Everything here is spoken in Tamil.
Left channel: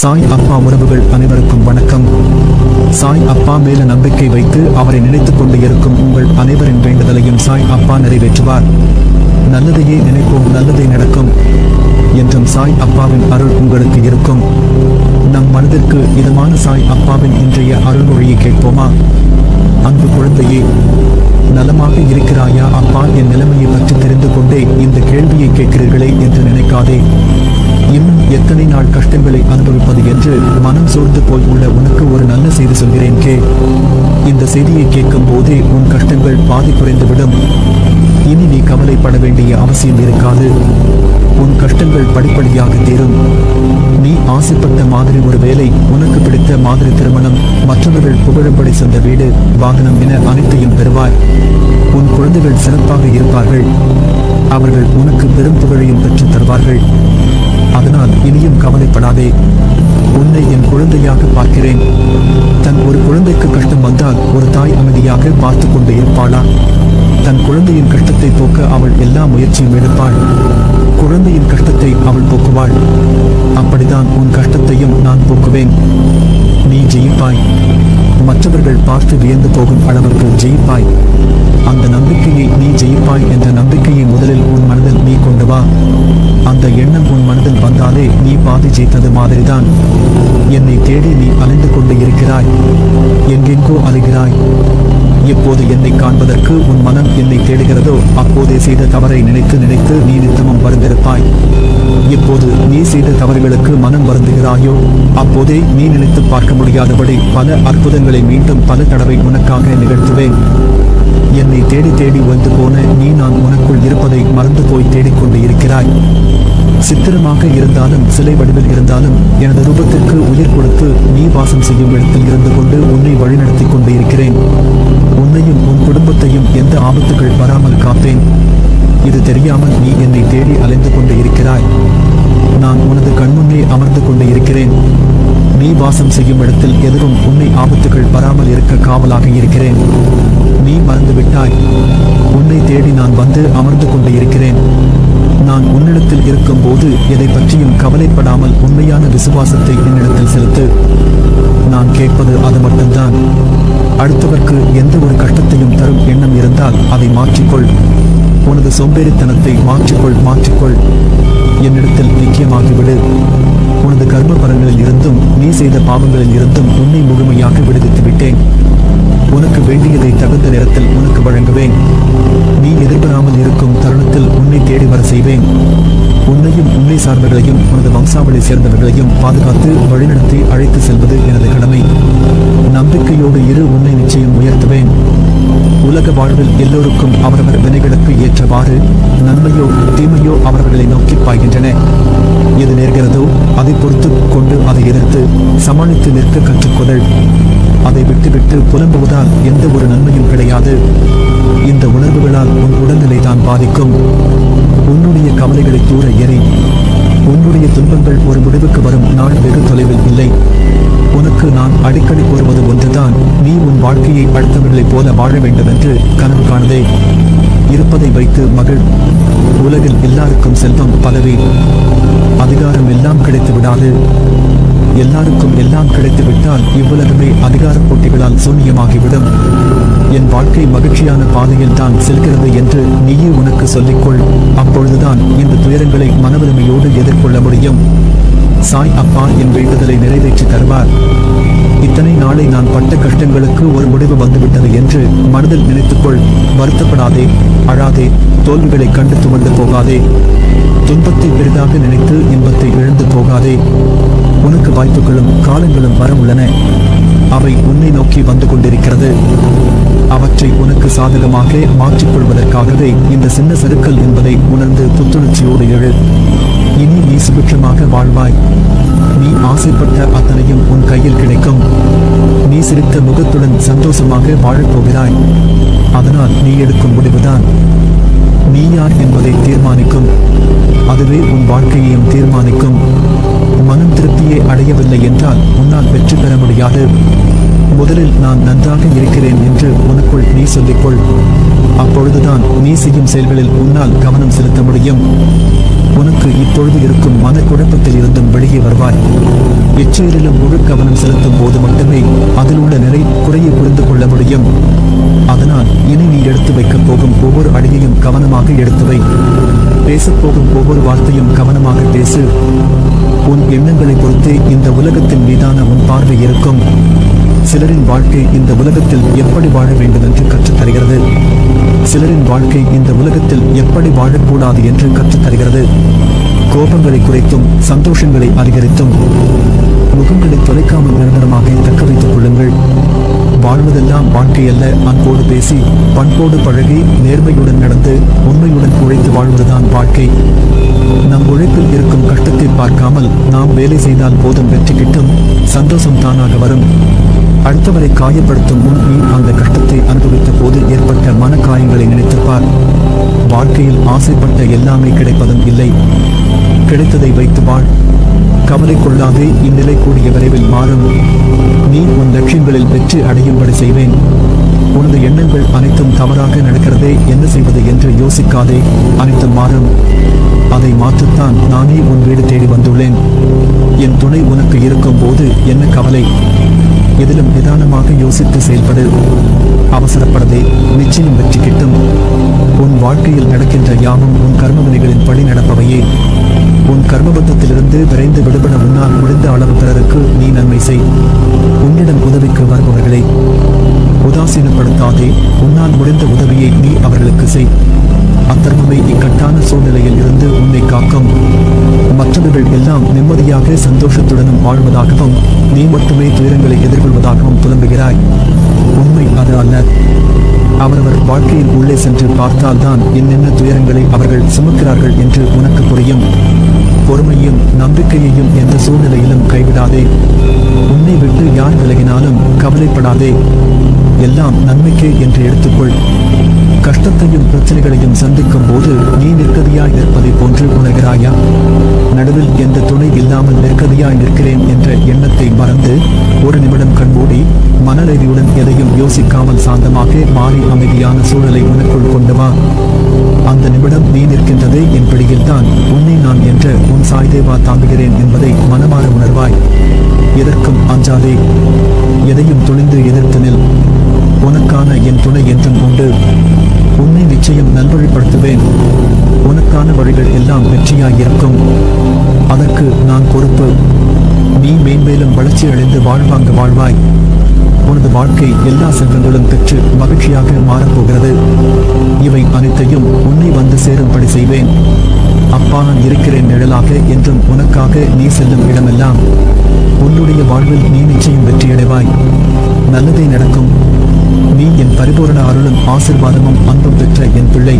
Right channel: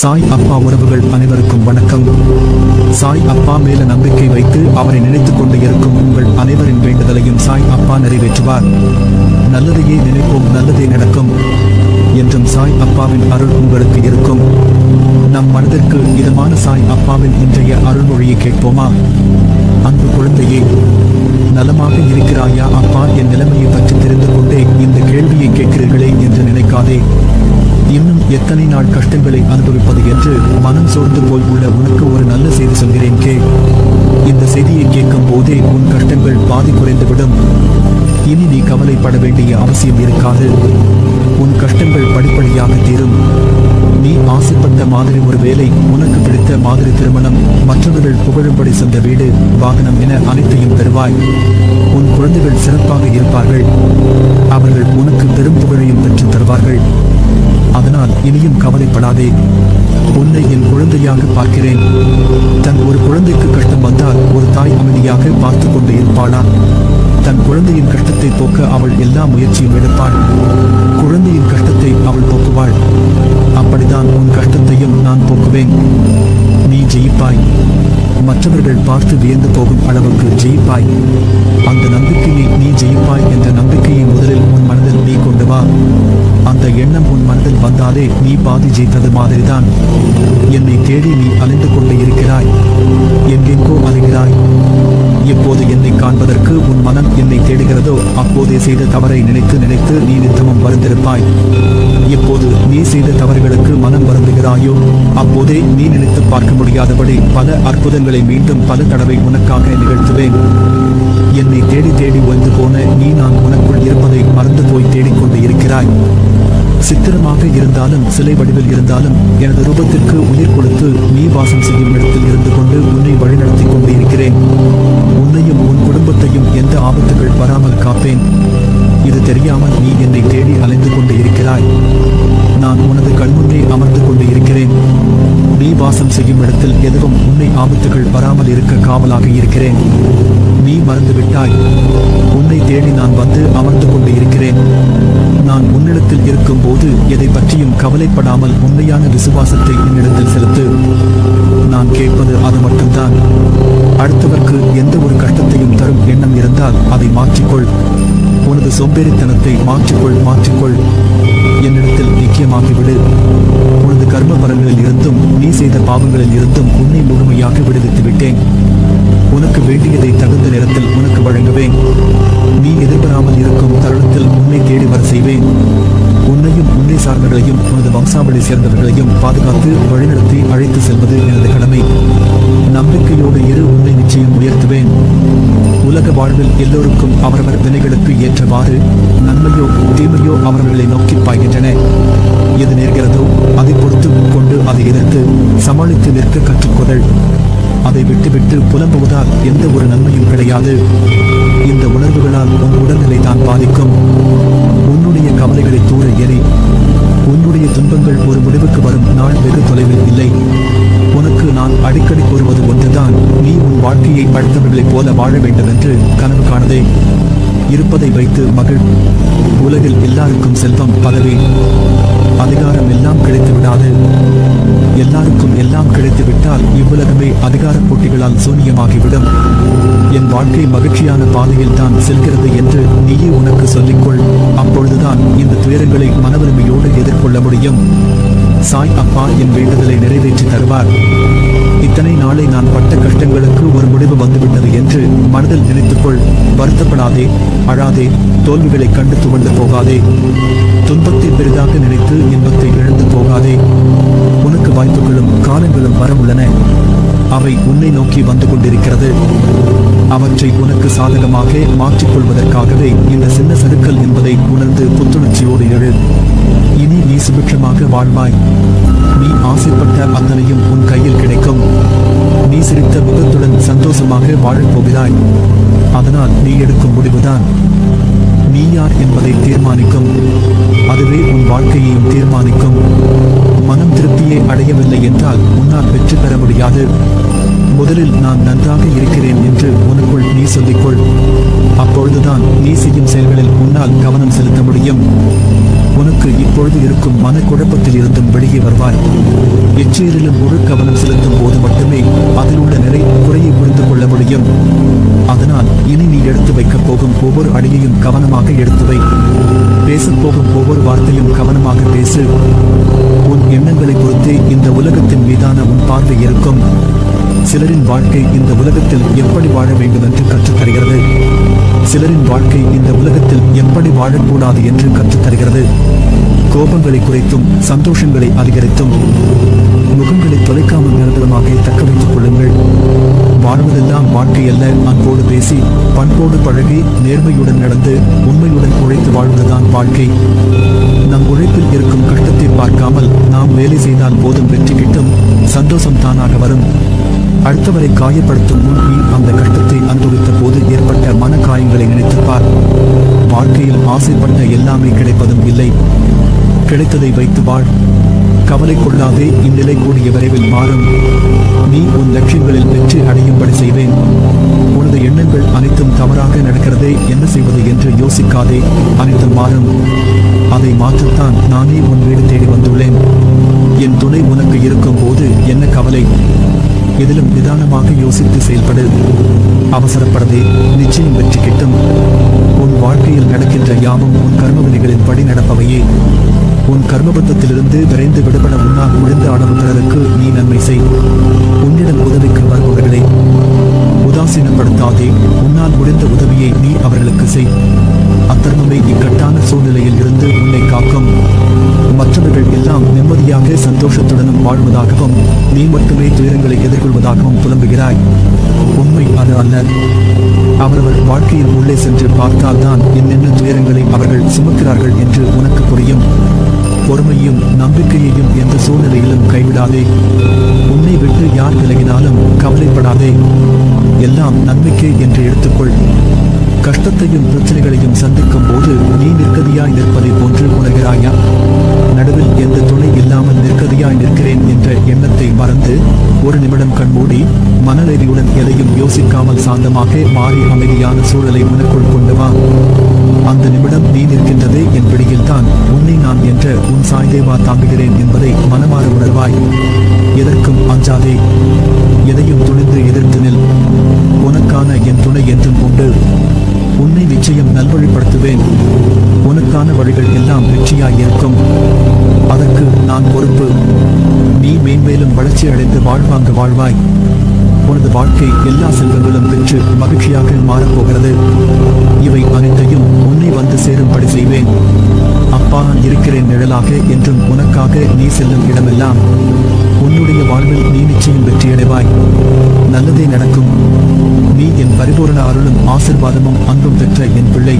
சாய் அப்பா உறவுகள் அனைவருக்கும் வணக்கம். சாய் அப்பா மேல நம்பிக்கை வைத்து அவரை நினைத்துக் கொண்டு இருக்கும் உங்கள் அனைவரின் வேண்டுதலையும் சாய் அப்பா நிறைவேற்றுவார். நல்லதையே நினைப்போம், நல்லதே நடக்கும் என்றும் சாய் அப்பாவின் அருள் உங்களுக்கு இருக்கும். நம் மனதிற்கு இதமான சாய் அப்பாவின் இன்றைய அருள்மொழியை கேட்போமா? அன்பு குழந்தையே, நலமாக இருக்கிறாயா அப்பா? என் நிலைமையை பற்றி தெரிந்து கொண்டே இந்த கேள்வியை கேட்கிறீர்களே என்று நினைக்காதே. இன்னும் எத்தனை நாள் கஷ்டங்களை அனுபவிப்பது என்று மனம் சோர்ந்து போய் உள்ள உனக்கு ஒரு நல்ல செய்தி சொல்கிறேன் கே. இந்த செய்தியை கேட்கும் போதே உன் கஷ்டங்கள் பாதி குறைந்துவிடும். இனி நீ கவலைப்பட வேண்டிய அவசியம் இருக்காது. உன் கஷ்டங்கள் படிப்படியாக தீரும். நீ ஆசைப்பட்ட மாதிரி ஒரு வேலை, உனக்கு பிடித்த மாதிரி திருமணம், மற்றவர்கள் புகழும்படி சொந்த வீடு, வாகனம் என அனைத்தையும் பெறுவாய். உன் குழந்தைகள் சிறப்பாக இருப்பார்கள். அவர்கள் உனக்கு பெரும் புகழையும் பெற்று தருவார்கள். அதனால் இனியும் கவலைப்படாதே. உன்னை என் குழந்தையாக பார்க்கிறேன். தன் ஒரு குழந்தைக்கு கஷ்டம் வந்தால் ஒரு தாய் அமைதியாக பார்த்து கொண்டு இருப்பாளா? தன் குழந்தையின் கஷ்டத்தை போக்க அவள் எல்லா முயற்சியும் எடுப்பாள். குழந்தையின் கஷ்டத்தை அவள் போக்குவாள். அப்படிதான் உன் கஷ்டத்தையும் நான் போக்குவேன். நீ ஜெயிப்பாய். மற்றவர்கள் பார்த்து வியந்து போகும் அளவுக்கு ஜெயிப்பாய். அந்த நம்பிக்கையை நீ ஜெயிப்பாய் என்ற நம்பிக்கையை முதலில் உன் மனதில் நீ கொண்டு வா. அந்த எண்ணம் உன் மனதில் வந்தாலே நீ பாதி ஜெயித்தது மாதிரிதான். என்னை தேடி நீ அலைந்து கொண்டு இருக்கிறாய். எங்கெங்கோ அலைகிறாய். எப்போது என்னை காண்பதற்கு உன் மனம் என்னை தேடுகிறதோ அப்போதே செய்த தவறை நினைத்து நினைத்து நீ நித்தமும் வருந்திருப்பாய். எப்போது நீ செய்த தவறுகளுக்கு மனம் வருந்துகிறாயோ அப்போதே நீ நினைத்து பார்க்க முடியாதபடி பல அற்புதங்களை மீண்டும் பல தடவை உனக்காக நிகழ்த்துவேன். என்னை தேடி தேடி ஓய்ந்து போன நீ நான் உனக்குள் இருப்பதை மறந்து போய் தேடிக்கொண்டு இருக்கிறாய். சித்திரமாக இருந்தாலும் சிலை வடிவில் இருந்தாலும் எனது ரூபத்திற்கு உயிர் கொடுத்து நீ வாசம் செய்யும் இடத்தில் இருந்து கொண்டு உன்னை வழிநடத்தி கொண்டு இருக்கிறேன். உன்னையும் உன் குடும்பத்தையும் எந்த ஆபத்துகள் வராமல் காப்பேன். இது தெரியாமல் நீ என்னை தேடி அலைந்து கொண்டு இருக்கிறாய். நான் உனது கண்முன்னே அமர்ந்து கொண்டு இருக்கிறேன். நீ வாசம் செய்யும் இடத்தில் எதுவும் உன்னை ஆபத்துகள் வராமல் இருக்க காவலாக இருக்கிறேன். நீ மறந்துவிட்டாய். உன்னை தேடி நான் வந்து அமர்ந்து கொண்டு இருக்கிறேன். நான் உன்னிடத்தில் இருக்கும் போது எதை பற்றியும் கவலைப்படாமல் உண்மையான விசுவாசத்தை என்னிடத்தில் செலுத்து. நான் கேட்பது அது மட்டும்தான். அடுத்தவர்க்கு எந்த ஒரு கஷ்டத்தையும் தரும் எண்ணம் இருந்தால் அதை மாற்றிக்கொள். உனது சோம்பேறித்தனத்தை மாற்றிக்கொள். என்னிடத்தில் ஐக்கியமாகிவிடு. உனது கர்ம பலன்களில் இருந்தும் நீ செய்த பாவங்களில் இருந்தும் உன்னை முழுமையாக விடுவித்து விட்டேன். உனக்கு வேண்டியதை தகுந்த நேரத்தில் உனக்கு வழங்குவேன். நீ எதிர்பாராமல் இருக்கும் தருணத்தில் உன்னை தேடி வர செய்வேன். உன்னையும் உன்னை சார்ந்தவர்களையும் உனது வம்சாவளி சேர்ந்தவர்களையும் பாதுகாத்து வழிநடத்தி அழைத்து செல்வது எனது கடமை. நம்பிக்கையோடு இரு, உன்னை நிச்சயம் உயர்த்துவேன். உலக வாழ்வில் எல்லோருக்கும் அவரவர் வினைகளுக்கு ஏற்றவாறு நன்மையோ தீமையோ அவர்களை நோக்கி பாய்கின்றன. எது நேர்கிறதோ அதை பொறுத்து கொண்டு அதை எதிர்த்து சமாளித்து நிற்க கற்றுக்கொள். அதை விட்டுவிட்டு புலம்புவதால் எந்த ஒரு நன்மையும் கிடையாது. இந்த உணர்வுகளால் உன் உடல்நிலை தான் பாதிக்கும். உன்னுடைய கவலைகளை தூர எறி. உன்னுடைய துன்பங்கள் ஒரு முடிவுக்கு வரும் நாள் வெகு தொலைவில் இல்லை. உனக்கு நான் அடிக்கடி கூறுவது ஒன்றுதான், நீ உன் வாழ்க்கையை அடுத்தவர்களைப் போல வாழ வேண்டும் என்று கனவு காணதே. இருப்பதை வைத்து மகிழ். உலகில் எல்லாருக்கும் செல்வம், பதவி, அதிகாரம் எல்லாம் கிடைத்து விடாது. எல்லாருக்கும் எல்லாம் கிடைத்து விட்டால் இவ்வுலகமே அதிகார போட்டிகளால் சூன்யமாகிவிடும். என் வாழ்க்கை மகிழ்ச்சியான பாதையில் தான் செல்கிறது என்று நீயே உனக்கு சொல்லிக்கொள். அப்பொழுதுதான் இந்த துயரங்களை மனவலிமையோடு எதிர்கொள்ள முடியும். சாய் அப்பா என் வேண்டுதலை நிறைவேற்றி தருவார். இத்தனை நாளை நான் பட்ட கஷ்டங்களுக்கு ஒரு முடிவு வந்துவிட்டது என்று மனதில் நினைத்துக்கொள். வருத்தப்படாதே, அழாதே, தோல்விகளை கண்டு துவண்டு போகாதே. துன்பத்தை பெரிதாக நினைத்து இன்பத்தை இழந்து போகாதே. உனக்கு வாய்ப்புகளும் காலங்களும் வர உள்ளன. அவை உன்னை நோக்கி வந்து கொண்டிருக்கிறது. அவற்றை உனக்கு சாதகமாக மாற்றிக்கொள்வதற்காகவே இந்த சின்ன சறுக்கல் என்பதை உணர்ந்து புத்துணர்ச்சியோடு எழு. இனி நீ சுபிட்சமாக வாழ்வாய். நீ ஆசைப்பட்ட அத்தனையும் உன் கையில் கிடைக்கும். நீ சிரித்த முகத்துடன் சந்தோஷமாக வாழப்போகிறாய். அதனால் நீ எடுக்கும் முடிவுதான் நீ யார் என்பதை தீர்மானிக்கும். அதுவே உன் வாழ்க்கையையும் தீர்மானிக்கும். மனம் திருப்தியே அடையவில்லை என்றால் உன்னால் வெற்றி பெற முடியாது. முதலில் நான் நன்றாக இருக்கிறேன் என்று உனக்குள் நீ சொல்லிக்கொள். அப்பொழுதுதான் நீ செய்யும் செயல்களில் உன்னால் கவனம் செலுத்த முடியும். உனக்கு இப்பொழுது இருக்கும் மனக்குழப்பத்தில் இருந்தும் வெளியே வருவாய். எச்செயலிலும் முழு கவனம் செலுத்தும் போது மட்டுமே அதில் உள்ள நிலை குறையை புரிந்து கொள்ள முடியும். அதனால் இனி நீ எடுத்து வைக்கப் போகும் ஒவ்வொரு அடியையும் கவனமாக எடுத்து வை. பேசப்போகும் ஒவ்வொரு வார்த்தையும் கவனமாக பேசு. உன் எண்ணங்களை பொறுத்தே இந்த உலகத்தின் மீதான உன் பார்வை இருக்கும். சிலரின் வாழ்க்கை இந்த உலகத்தில் எப்படி வாழ வேண்டும் என்று கற்றுத்தருகிறது. சிலரின் வாழ்க்கை இந்த உலகத்தில் எப்படி வாழக்கூடாது என்று கற்றுத்தருகிறது. கோபங்களை குறைத்தும் சந்தோஷங்களை அதிகரித்தும் முகங்களை தொலைக்காமல் நிரந்தரமாக தக்க வைத்துக் கொள்ளுங்கள். வாழ்வதெல்லாம் வாழ்க்கையல்ல. அன்போடு பேசி பண்போடு பழகி நேர்மையுடன் நடந்து உண்மையுடன் உழைத்து வாழ்வதுதான் வாழ்க்கை. நம் உழைப்பில் இருக்கும் கஷ்டத்தை பார்க்காமல் நாம் வேலை செய்தால் போதும், வெற்றி கிட்டும், சந்தோஷம் தானாக வரும். அடுத்தவரை காயப்படுத்தும் முன் நீ அந்த கஷ்டத்தை அனுபவித்த போது ஏற்பட்ட மன காயங்களை நினைத்துப்பார். வாழ்க்கையில் ஆசைப்பட்ட எல்லாமே கிடைப்பதும் இல்லை. கிடைத்ததை வைத்து வாழ். கவலை கொள்ளாதே. இந்நிலை கூடிய விரைவில் மாறும். நீ உன் லட்சியங்களில் வெற்றி அடையும்படி செய்வேன். உனது எண்ணங்கள் அனைத்தும் தவறாக நடக்கிறதே, என்ன செய்வது என்று யோசிக்காதே. அனைத்தும் மாறும். அதை மாற்றத்தான் நானே உன் வீடு தேடி வந்துள்ளேன். என் துணை உனக்கு இருக்கும் போது என்ன கவலை? எதிலும் நிதானமாக யோசித்து செயல்படு. அவசரப்படதே. நிச்சயம் வெற்றி கிட்டும். உன் வாழ்க்கையில் நடக்கின்ற யாவும் உன் கர்மவினைகளின் படி நடப்பவையே. உன் கர்மபந்தத்திலிருந்து விரைந்து விடுபட உன்னால் முடிந்த அளவு பிறருக்கு நீ நன்மை செய். உன்னிடம் உதவிக்கு வருபவர்களை உதாசீனப்படுத்தாதே. உன்னால் முடிந்த உதவியை நீ அவர்களுக்கு செய். அத்தர்மமே இக்கட்டான சூழ்நிலையில் இருந்து உன்னை காக்கும். மற்றவர்கள் எல்லாம் நிம்மதியாக சந்தோஷத்துடனும் வாழ்வதாகவும் நீ மட்டுமே துயரங்களை எதிர்கொள்வதாகவும் புலம்புகிறாய். உண்மை அது அல்ல. அவரவர் வாழ்க்கையின் உள்ளே சென்று பார்த்தால்தான் என்னென்ன துயரங்களை அவர்கள் சுமக்கிறார்கள் என்று உனக்கு புரியும். பொறுமையும் நம்பிக்கையையும் எந்த சூழ்நிலையிலும் கைவிடாதே. உன்னை விட்டு யார் விலகினாலும் கவலைப்படாதே. எல்லாம் நன்மைக்கே என்று எடுத்துக்கொள். கஷ்டத்தையும் பிரச்சனைகளையும் சந்திக்கும் போது நீ நிற்கதியாய் நிற்பதை போன்று உணர்கிறாயா? நடுவில் எந்த துணை இல்லாமல் நிற்கதியாய் நிற்கிறேன் என்ற எண்ணத்தை மறந்து ஒரு நிமிடம் கண்மூடி மனநிறைவுடன் எதையும் யோசிக்காமல் சாந்தமாக மாறி அமைதியான சூழலை உனக்குள் கொண்டு வா. அந்த நிமிடம் நீ நிற்கின்றதே என் பிடியில்தான், உன்னை நான் என்ற உன் சாய்தேவா தாங்குகிறேன் என்பதை மனமாற உணர்வாய். எதற்கும் அஞ்சாதே. எதையும் துணிந்து எதிர்த்து நில். உனக்கான என் துணை என்றும் உண்டு. உன்னை நிச்சயம் நல்வழிப்படுத்துவேன். உனக்கான வழிகள் எல்லாம் வெற்றியாயிருக்கும். அதற்கு நான் பொறுப்பு. நீ மேன்மேலும் வளர்ச்சி அடைந்து வாழ்வாங்க வாழ்வாய். உனது வாழ்க்கை எல்லா செல்வங்களும் பெற்று மகிழ்ச்சியாக மாறப்போகிறது. இவை அனைத்தையும் உன்னை வந்து சேரும்படி செய்வேன். அப்பா நான் இருக்கிறேன் நிழலாக என்றும் உனக்காக நீ செல்லும் இடமெல்லாம் உன்னுடைய வாழ்வில் நீ நிச்சயம் வெற்றியடைவாய். நல்லதே நடக்கும். நீ என் பரிபூரண அருளும் ஆசிர்வாதமும் அன்பும் பெற்ற என் பிள்ளை.